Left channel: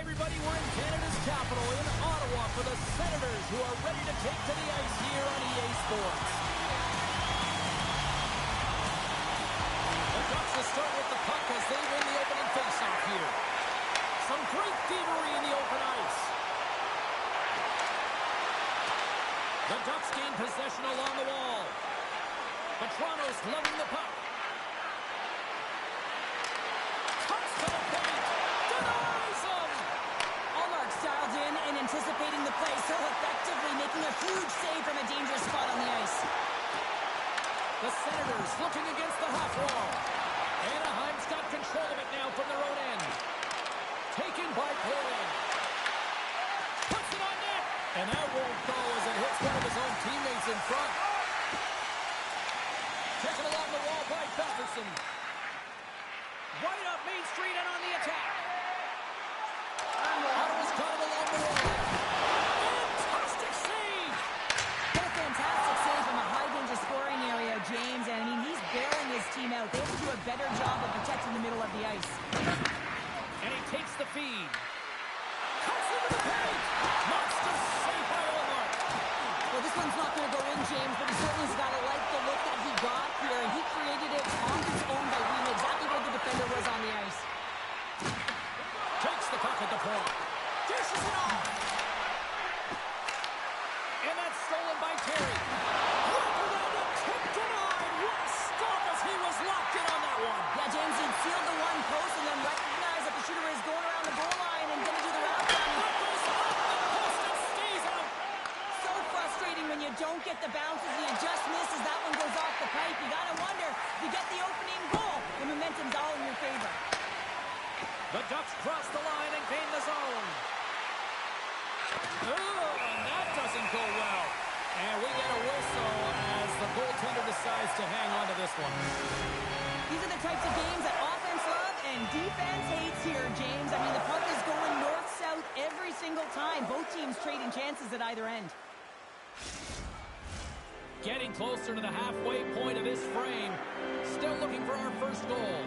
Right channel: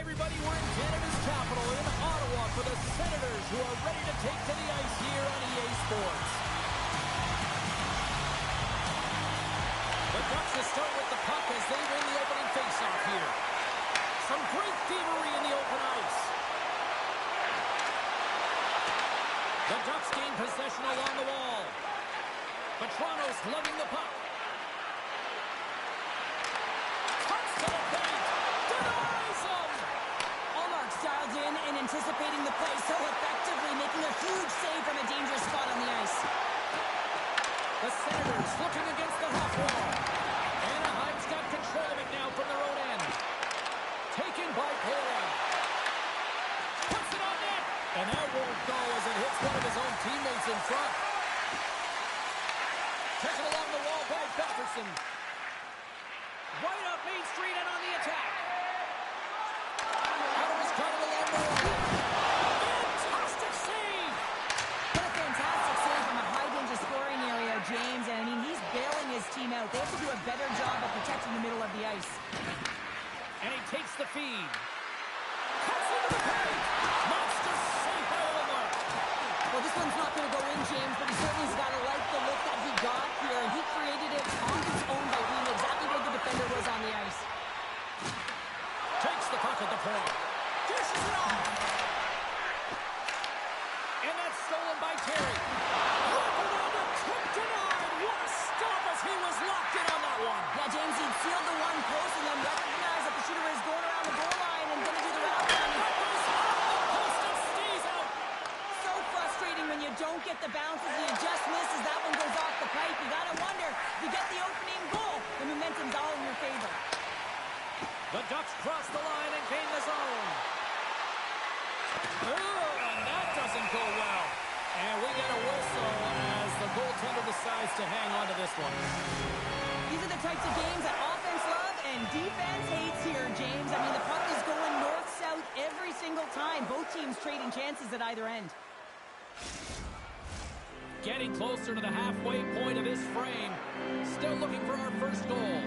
everybody, we're in Canada's capital, in Ottawa, for the Senators, who are ready to take to the ice here on EA Sports. The Ducks will start with the puck as they win the opening faceoff here. Some great thievery in the open ice. The Ducks gain possession along the wall. But Toronto's lugging the puck. Cuts to the paint. Denies him. Allmark's dialed in and anticipating the play so effectively, making a huge save from a dangerous spot on the ice. The Senators looking against the half wall. Anaheim's got control of it now from their own end. Taken by Poland. Puts it on net. And that won't go as it hits one of his own teammates in front. Taken along the wall by Batherson. Right up Main Street and on the attack. Ottawa's got it along the wall. Fantastic save. What a fantastic save from a high-danger scoring area, James. And, I mean, he's bailing his team out. They have to do a better job of protecting the middle of the ice. And he takes the feed. Cuts into the paint. Monster save by Allmark. Well, this one's not going to go in, James, but he certainly's got to like the look that he got here. And he created it on his own by reading exactly where the defender was on the ice. Takes the puck at the point. Dishes it off. And that's stolen by Terry. Wrap around a tip denied. What a stop as he was locked in on that one. Yeah, James, he'd sealed the one post and then recognized that the shooter is going around the goal line and going to do the wrap around. That goes off the post and stays out. So frustrating when you don't get the bounces and you just miss as that one goes off the pipe. You got to wonder, if you get the opening goal, the momentum's all in your favor. The Ducks cross the line and gain the zone. And that doesn't go well. And we get a whistle as the goaltender decides to hang on to this one. These are the types of games that offense loves and defense hates here, James. I mean, the puck is going north-south every single time. Both teams trading chances at either end. Getting closer to the halfway point of this frame. Still looking for our first goal.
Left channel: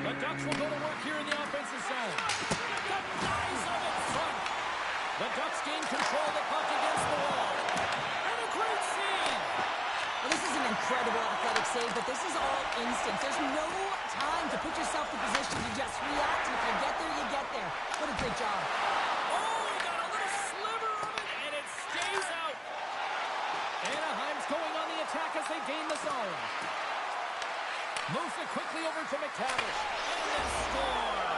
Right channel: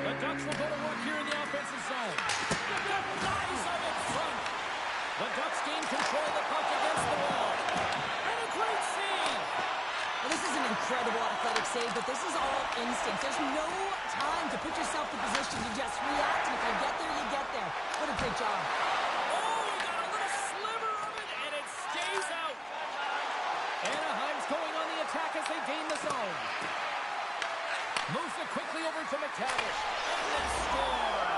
The Ducks will go to work here in the offensive zone. Denies him in front. The Ducks gain control of the puck against the wall. And a great save. Well, this is an incredible athletic save, but this is all instinct. There's no time to put yourself in position to just react, and if you get there, you get there. What a great job. Oh, he got a little sliver of it, and it stays out. Anaheim's going on the attack as they gain the zone. Moves it quickly over to McTavish. And then score.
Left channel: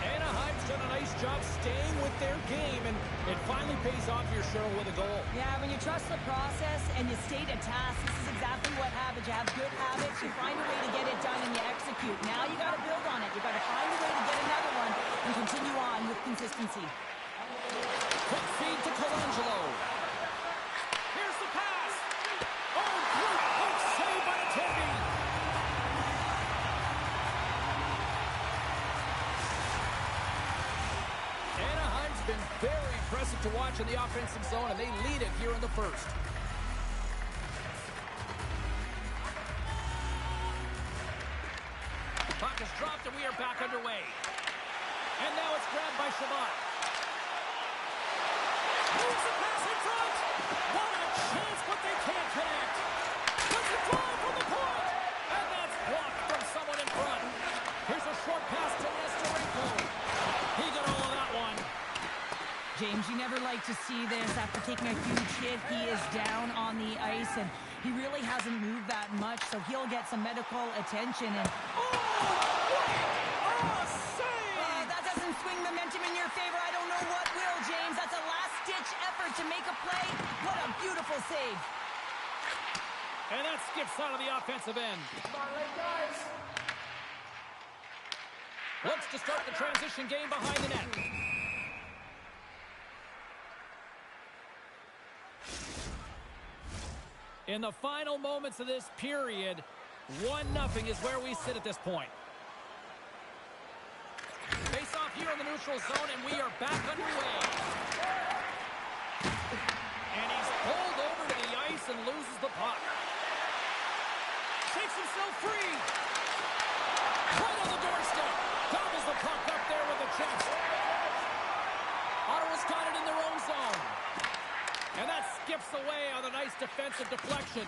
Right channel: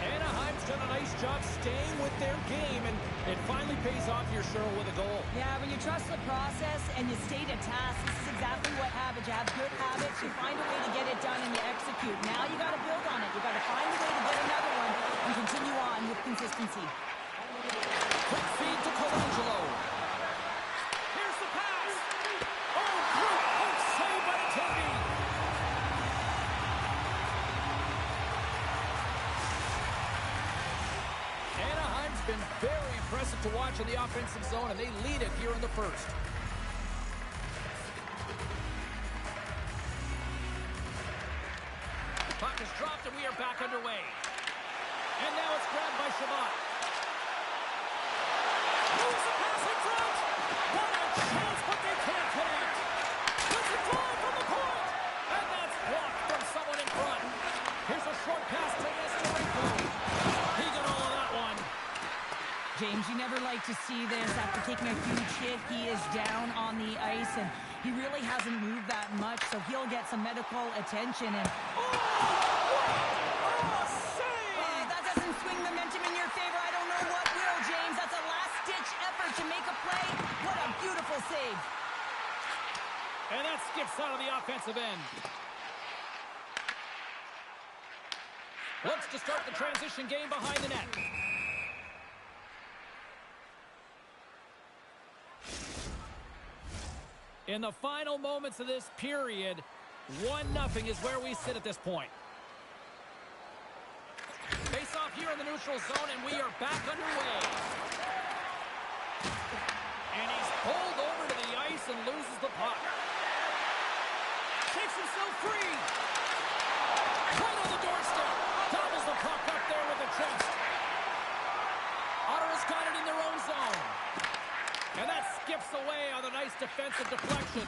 Anaheim's done a nice job staying with their game, and it finally pays off here, Cheryl, with a goal. Yeah, when you trust the process and you stay to task, this is exactly what happens. You have good habits, you find a way to get it done, and you execute. Now you got to build on it. You got to find a way to get another one and continue on with consistency. Quick feed to Colangelo. Here's the pass. Oh, great poke save by the Tenby. Anaheim's been very impressive to watch in the offensive zone, and they lead it here in the first. Puck is dropped, and we are back underway. And now it's grabbed by Shabbat. Moves the pass in front. What a chance, but they can't connect. Puts a drive from the point. And that's blocked from someone in front. Here's a short pass to Nestorenko. He got all of that one. James, you never like to see this. After taking a huge hit, he is down on the ice, and he really hasn't moved that much, so he'll get some medical attention. And Save! that doesn't swing momentum in your favor. I don't know what will, James. That's a last-ditch effort to make a play. What a beautiful save. And that skips out of the offensive end. Looks to start the transition game behind the net. In the final moments of this period, 1-0 is where we sit at this point. Face off here in the neutral zone, and we are back underway. And he's pulled shakes himself free. Right on the doorstep. Gobbles the puck up there with the chest. Ottawa's got it in their own zone. And that skips away on a nice defensive deflection.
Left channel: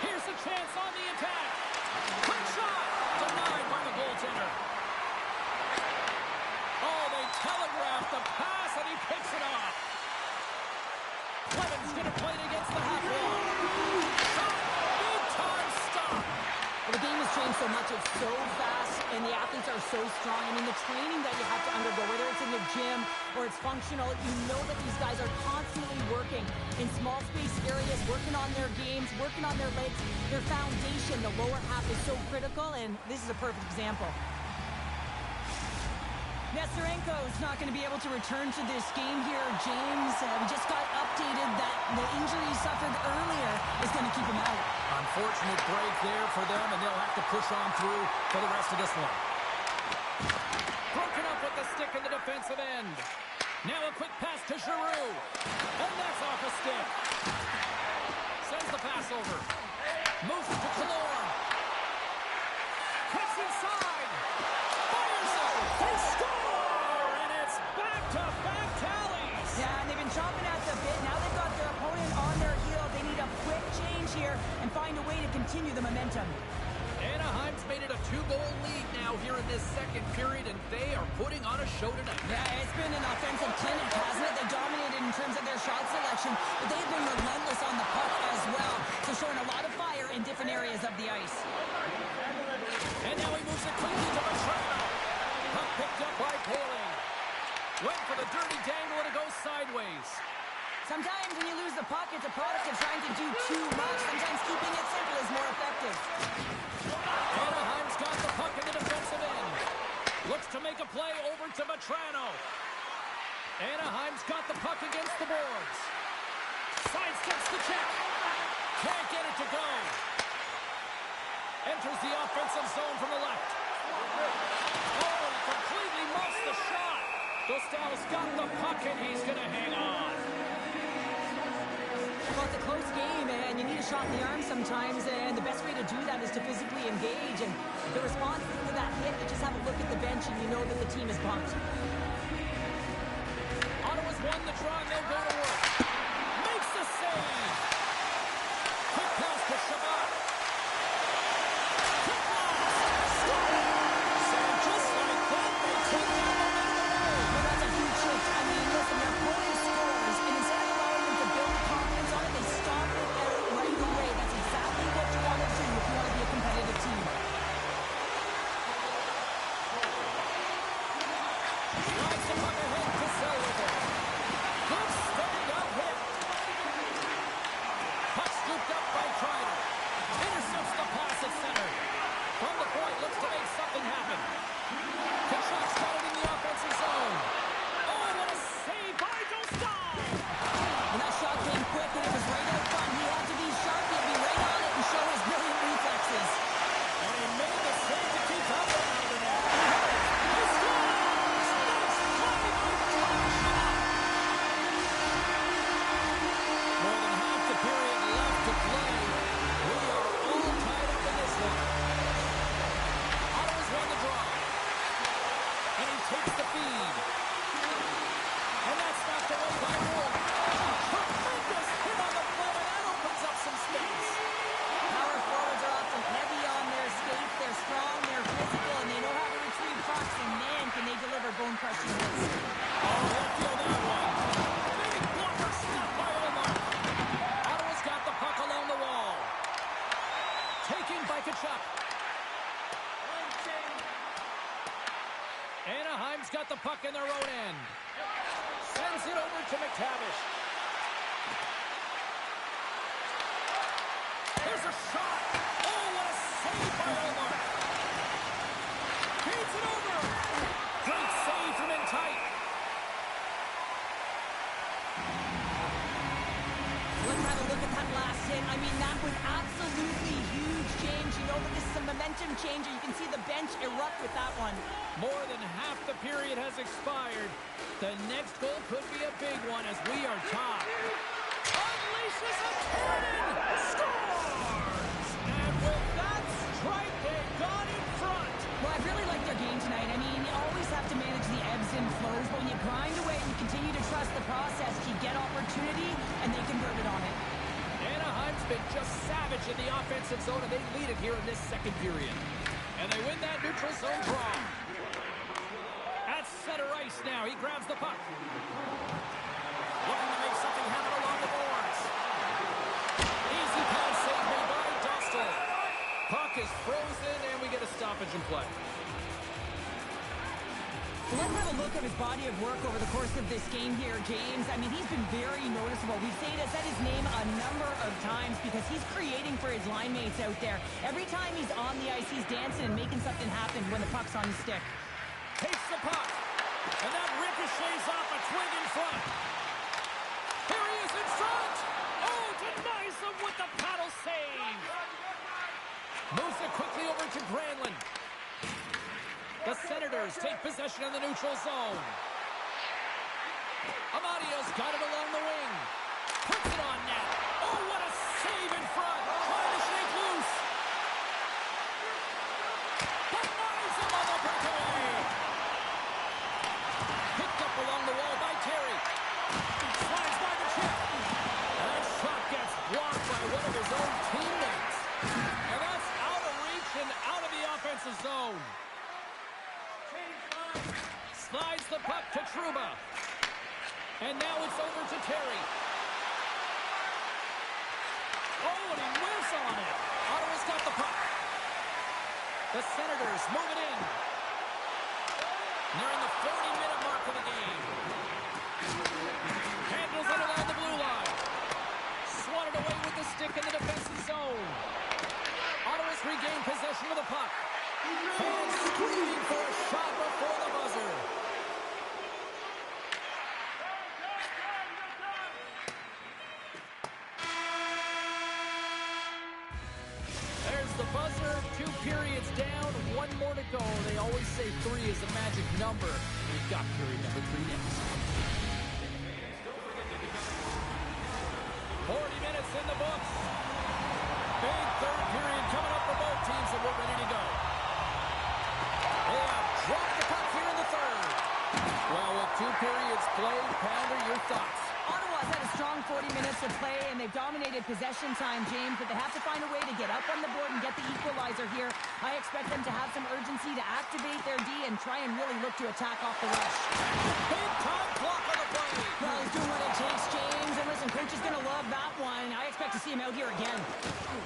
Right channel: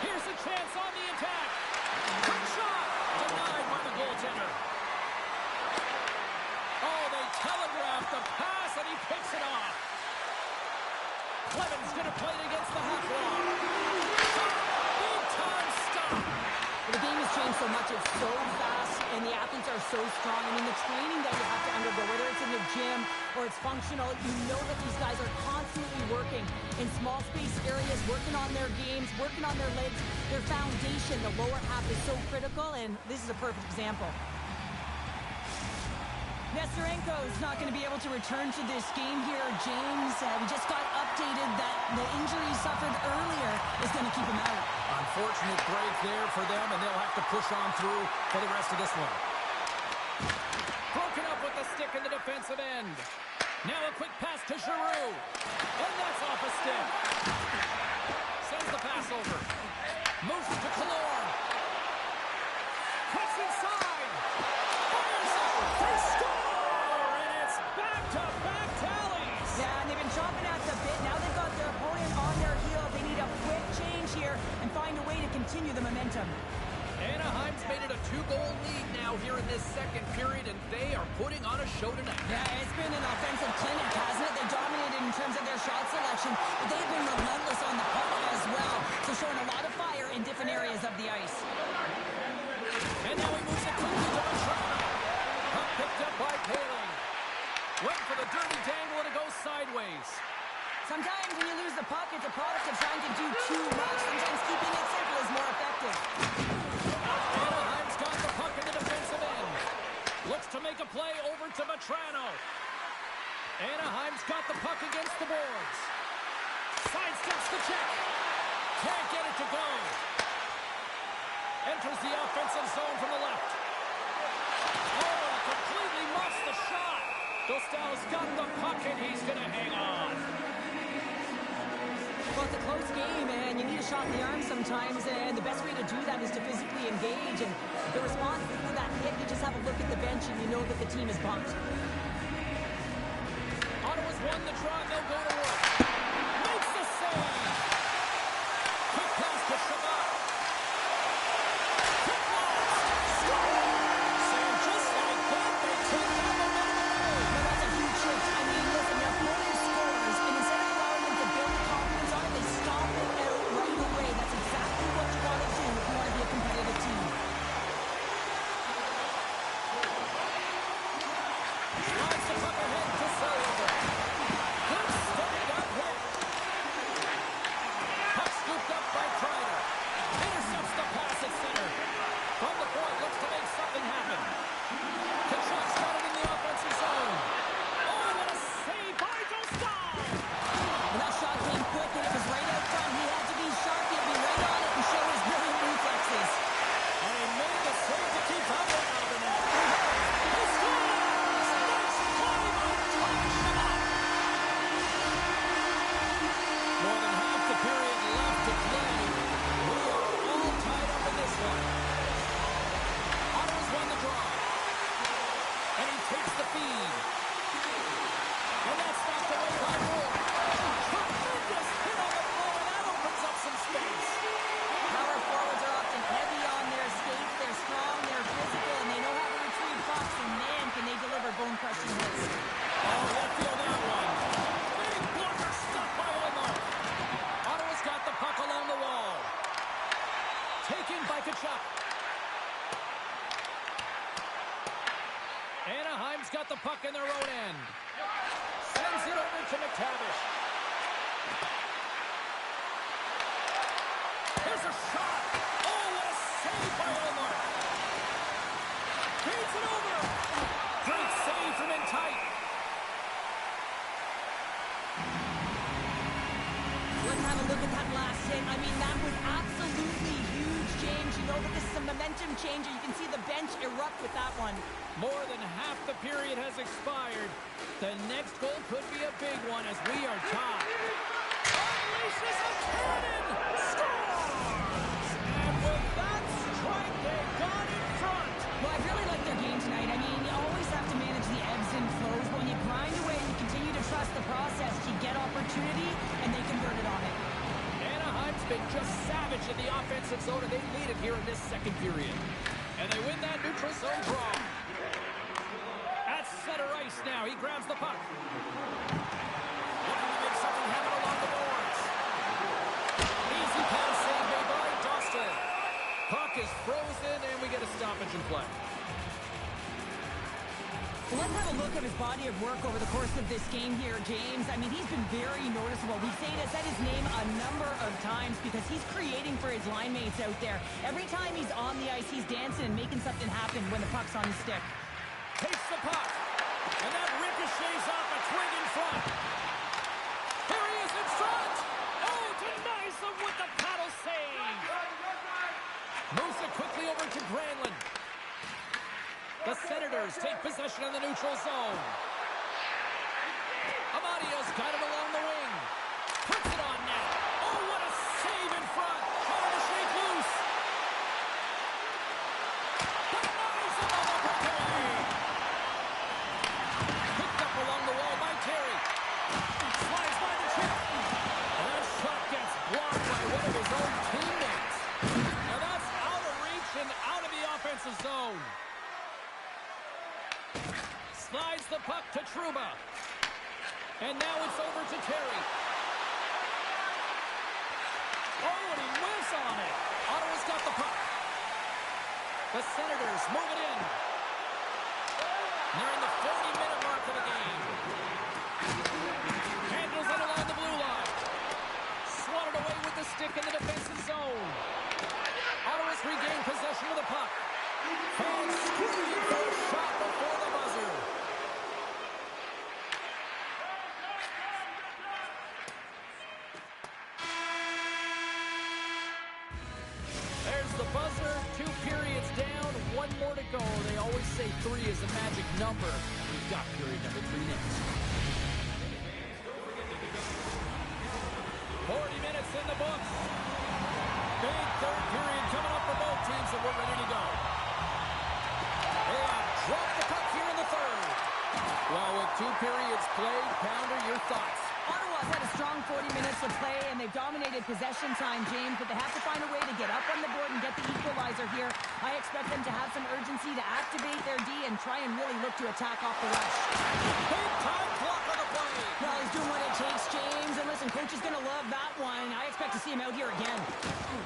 Here's a chance on the attack. Quick shot. Denied by the goaltender. Oh, they telegraphed the pass, and he picks it off. Clevin's going to play it against the half wall. Shot. Big time stop. Well, the game has changed so much. It's so fast, and the athletes are so strong. I mean, the training that you have to undergo, whether it's in the gym or it's functional, you know that these guys are constantly working in small space areas, working on their games, working on their legs. Their foundation, the lower half, is so critical, and this is a perfect example. Nesterenko is not going to be able to return to this game here, James. We just got updated that the injury he suffered earlier is going to keep him out. Unfortunate break there for them, and they'll have to push on through for the rest of this one. Broken up with the stick in the defensive end. Now a quick pass to Giroux. And that's off a stick. Sends the pass over. Moves it to Killorn. Cuts inside. Fires it. They score! And it's back-to-back tallies. Yeah, and they've been chomping at the bit. Now they've got their opponent on their heel. They need a quick change here and find a way to continue the momentum. Anaheim's made it a 2-goal lead now here in this second period, and they are putting on a show tonight. Yeah, it's been an offensive clinic, hasn't it? They dominated in terms of their shot selection, but they've been relentless on the puck as well. So showing a lot of fire in different areas of the ice. And now he moves it quickly to Vetrano. Puck picked up by Paling. Went for the dirty dangle, and it goes sideways. Sometimes when you lose the puck, it's a product of trying to do too much. Sometimes keeping it simple is more effective. Anaheim's got the puck in the defensive end. Looks to make a play over to Vetrano. Anaheim's got the puck against the boards. Sidesteps the check. Can't get it to go. Enters the offensive zone from the left. Oh, he completely muffs the shot. Dostal's got the puck, and he's going to hang on. Well, it's a close game, and you need a shot in the arm sometimes, and the best way to do that is to physically engage. And the response to that hit, you just have a look at the bench, and you know that the team is bumped. Ottawa's won the draw, and they'll go to work. Makes the save. Quick pass to Shabbat. Quick blast. Scores. And just like that, they take that momentum away. Well, that's a huge shift. I mean, listen, their opponent scores, and instead of allowing them to build confidence on it, they stomp it out right away. That's exactly what you want to do if you want to be a competitive team. Slides the puck ahead to Sullivan. Good stand-up hit. Puck scooped up by Kreider. Intercepts the pass at center. From the point, looks to make something happen. Kachuk's got it in the offensive zone. Oh, what a save by Dostal! Well, that shot came quick, and it was right out front. He had to be sharp. He had to be right on it and show his brilliant reflexes. And he made the save to keep that one out of the net. He scores! Nice play by Thomas Shabbat! More than half the period left to play. We are all tied up in this one. Ottawa's won the draw. And he takes the feed. And that's knocked away by Wolf. Tremendous hit on the play, and that opens up some space. Power forwards are often heavy on their skates. They're strong, they're physical, and they know how to retrieve pucks. And man, can they deliver bone-crushing hits. Oh, they'll feel that one. Big blocker stopped by Omar. Ottawa's got the puck along the wall. Taken by Kachuk. Anaheim's got the puck in their own end. Sends it over to McTavish. There's a shot. Oh, what a save by Omar. Feeds it over. Great save from in tight. Let's have a look at that last hit. I mean, that was absolutely huge, James. You know that this is a momentum changer. You can see the bench erupt with that one. More than half the period has expired. The next goal could be a big one as we are tied. Unleashes a cannon! Scores! And with that have to manage the ebbs and flows, but when you grind away and you continue to trust the process, you get opportunity, and they convert it on it. Anaheim's been just savage in the offensive zone, and they lead it here in this second period. And they win that neutral zone draw. At center ice now, he grabs the puck. Looking to make something happen along the boards. Easy pass save made by Dostal. Puck is frozen, and we get a stoppage in play. Let's have a look at his body of work over the course of this game here, James. I mean, he's been very noticeable. We've said his name a number of times because he's creating for his line mates out there. Every time he's on the ice, he's dancing and making something happen when the puck's on his stick. Takes the puck, and that ricochets off a twig in front. Here he is in front. Oh, denies him with the paddle save. Moves it quickly over to Granlund. The Senators take possession in the neutral zone. Amadio's got it along the wing. Puts it on net. Oh, what a save in front. Trying to shake loose. Denies him on the breakaway. Picked up along the wall by Terry. Slides by the chip. And that shot gets blocked by one of his own teammates. And that's out of reach and out of the offensive zone. Slides the puck to Trouba. And now it's over to Terry. Oh, and he whiffs on it. Ottawa's got the puck. The Senators move it in. Nearing the 40-minute mark of the game. Handles it along the blue line. Swatted away with the stick in the defensive zone. Ottawa's regained possession of the puck. Fans screaming for a shot before the buzzer. There's the buzzer. 2 periods down. 1 more to go. They always say 3 is a magic number. We've got period number 3 next. 40 minutes in the books. Big third period coming up for both teams, and we're ready to go. They have dropped the puck here in the third. Well, with 2 periods played, Pounder, your thoughts? Ottawa's had a strong 40 minutes of play, and they've dominated possession time, James, but they have to find a way to get up on the board and get the equalizer here. I expect them to have some urgency to activate their D and try and really look to attack off the rush. Big time block on the play. Well, he's doing what it takes, James, and listen, coach is going to love that one. I expect to see him out here again.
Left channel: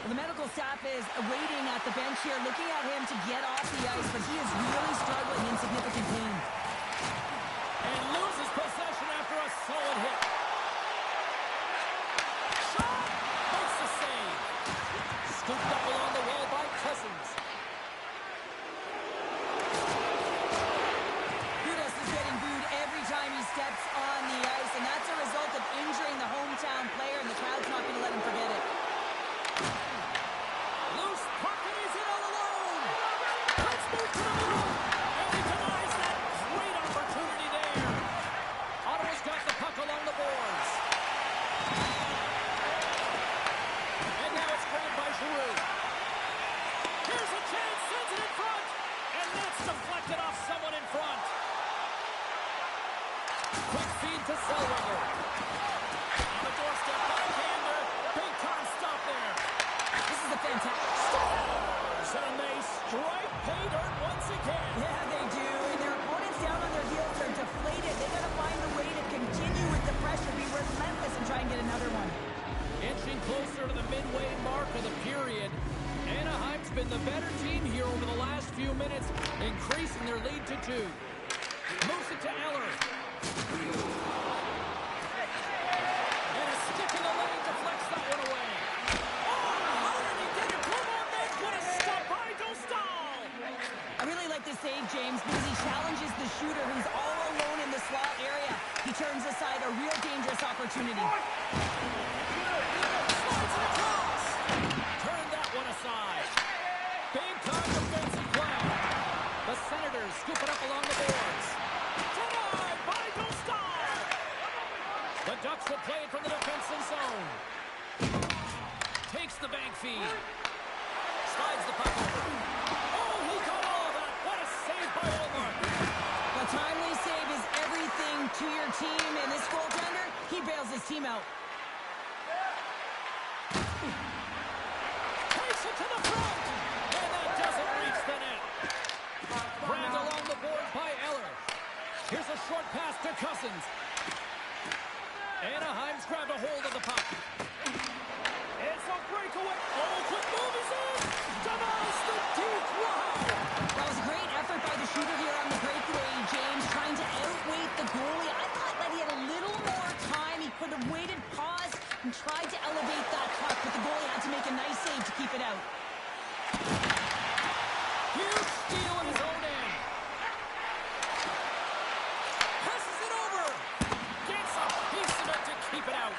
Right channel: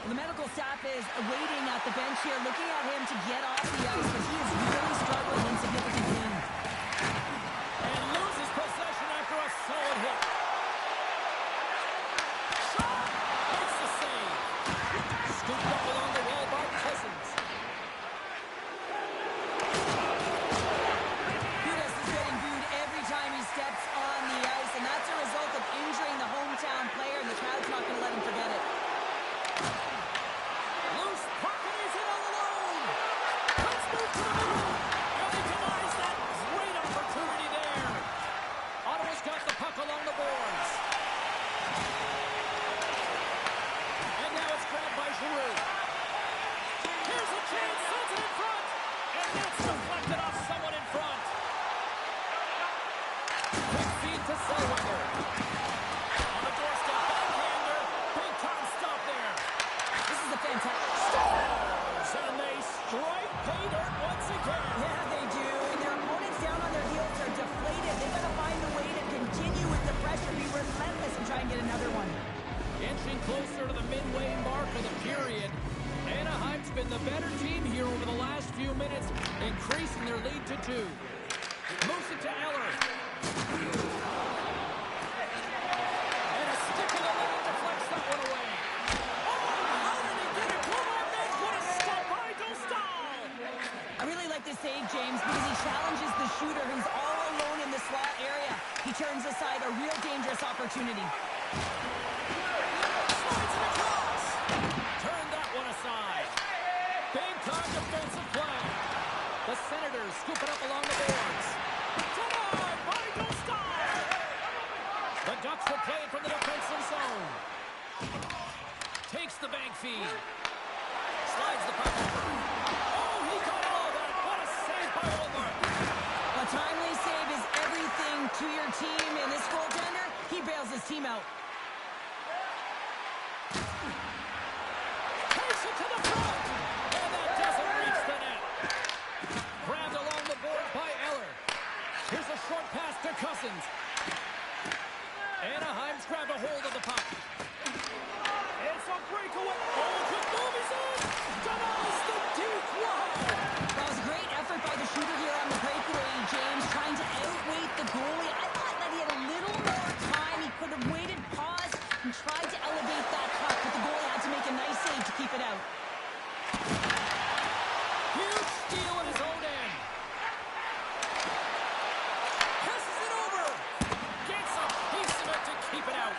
The medical staff is waiting at the bench here, looking at him to get off the ice, but he is really struggling in significant pain. And loses possession after a solid hit. Shot! Makes the save. Scooped up along the wall by Cousins. Gudas is getting booed every time he steps on the ice, and that's a result of injuring the hometown player, and the crowd's not going to let him forget it. Loose puck, and he's in all alone. Let's move to the middle. And he denies that great opportunity there. Ottawa's got the puck along the boards. And now it's grabbed by Giroux. Here's a chance, sends it in front. And that's deflected off someone in front. Quick feed to Zellweger. On the doorstep, backhander. Big time stop there. This is a fantastic... Stars, and they strike pay dirt once again. Yeah, they do, and their opponents down on their heels are deflated. They got to find a way to continue with the pressure, be relentless, and try and get another one. Inching closer to the midway mark of the period. Anaheim's been the better team here over the last few minutes, increasing their lead to 2. Moves it to Eller. And a stick in the lane deflects that one away. Oh, how did he get it? One more man. What a stop by Dostal. I really like this save, James, because he challenges the shooter who's all alone in the slot area. He turns aside a real dangerous opportunity. Slides it across. Turn that one aside. Big time defensive play. The Senators scoop it up along the boards. Denied by Dostal. The Ducks will play it from the defensive zone. Takes the bank feed. Slides the puck over. Oh, he got all of that. What a save by Olmark. Well, timely save is everything to your team, and this goaltender, he bails his team out. Takes it to the front, and that doesn't reach the net. Grabbed along the boards by Eller. Here's a short pass to Cousins. Anaheim's grabbed a hold of the puck. It's a breakaway. Oh, quick move, he's in. Denies the deep. Wow. That was a great effort by the shooter here on the breakaway, James, trying to outweight the goalie. I thought that he had a little more time. He could have waited, paused, and tried to elevate that puck, but the goalie had to make a nice save to keep it out. Huge steal in his own end. Passes it over. Gets a piece of it to keep it out.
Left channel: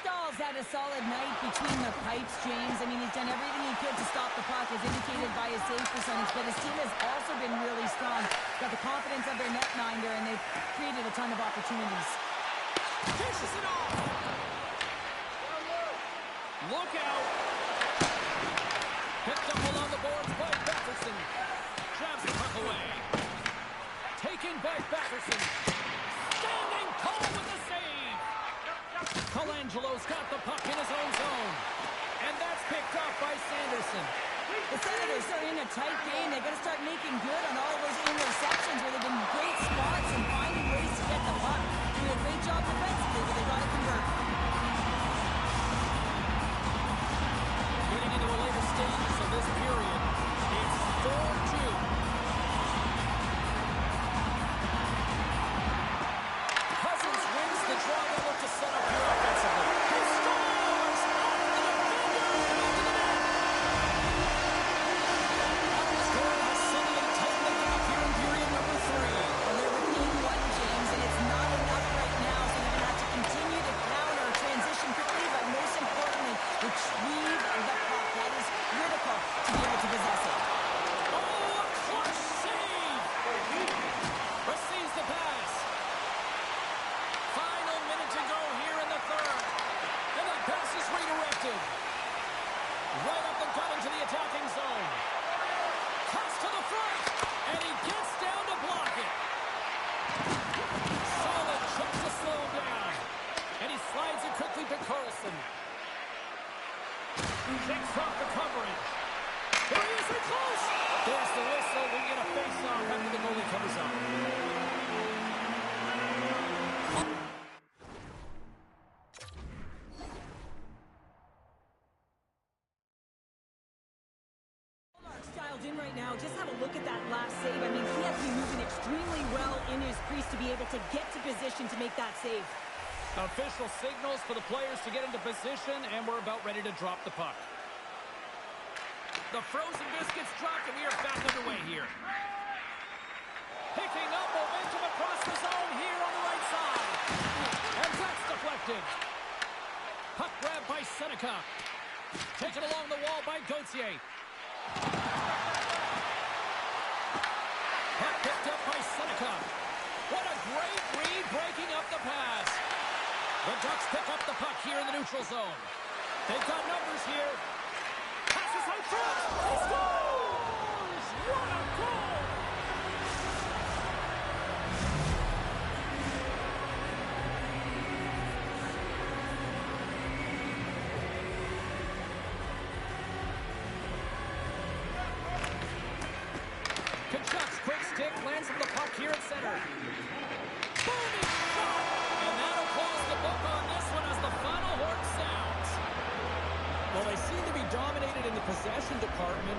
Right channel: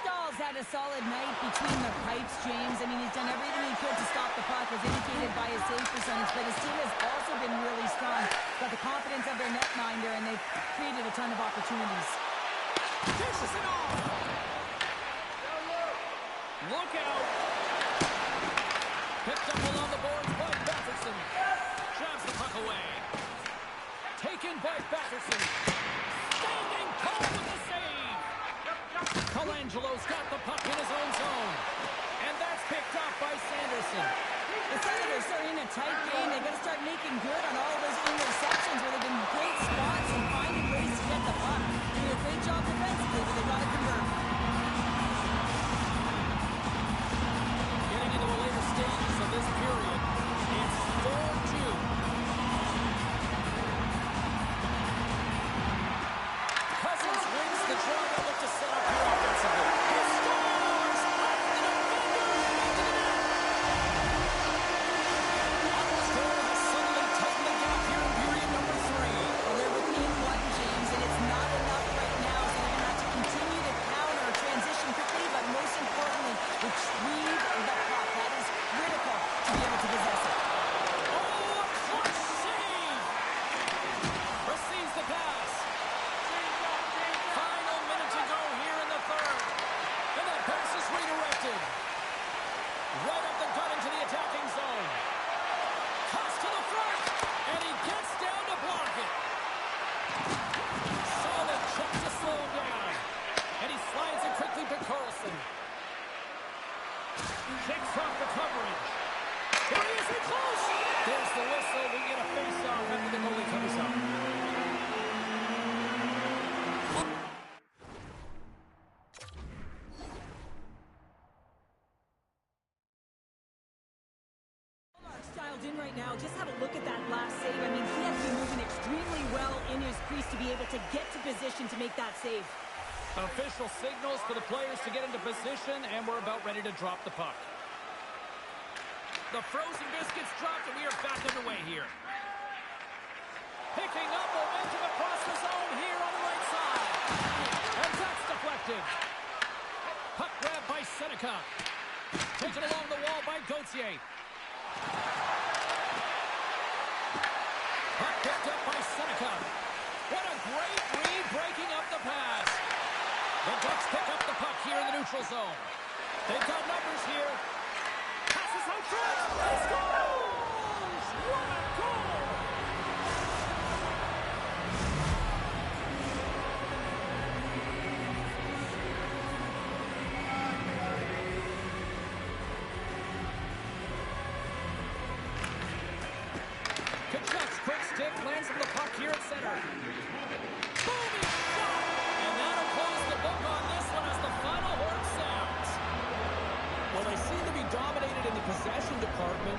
Stahl's had a solid night between the pipes, James. I mean, he's done everything he could to stop the puck, as indicated by his save percentage, but his team has also been really strong. Got the confidence of their netminder, and they've created a ton of opportunities. Dishes it off. Look out. Picked up along the boards by Batherson. Jabs the puck away. Taken by Batherson. Standing tall with the save. Colangelo's got the puck in his own zone. And that's picked up by Sanderson. The Senators are in a tight game. They've got to start making good on all of those interceptions where they've been great spots and finding ways to get the puck. Doing a great job defensively, but they've got to convert. Getting into the later stages of this period, it's 4-2. Cousins wins the draw. They'll look to set up here offensively. He scores! Off the defender and into the net! Ottawa's goal has suddenly tightened the gap here in period number 3. Well, they're within one, James, and it's not enough right now, so they're going to have to continue to counter, transition quickly, but most importantly, retrieve the puck. That is critical to be able to possess it. Oh, a clutch save! Receives the pass. Final minute to go here in the third. And that pass is redirected. Right up the gut into the attacking zone. Toss to the front. And he gets down to block it. Solid check to slow him down. And he slides it quickly to Carlson. Shakes off the coverage. Here he is, in close. There's the whistle. We get a face-off after the goalie covers up. Dialed in right now. Just have a look at that last save. I mean, he has been moving extremely well in his crease to be able to get to position to make that save. Official signals for the players to get into position, and we're about ready to drop the puck. The frozen biscuits dropped, and we are back underway here. Picking up momentum across the zone here on the right side. And that's deflected. Puck grabbed by Seneca. Taken along the wall by Gauthier. Puck picked up by Seneca. What a great read, breaking up the pass. The Ducks pick up the puck here in the neutral zone. They've got numbers here. Passes out front. He scores! What a goal! Kachuk's quick stick lands on the puck here at center. Booming shot! And that'll close the book on this one as the final horn sounds. Well, they seem to be dominated in the possession department.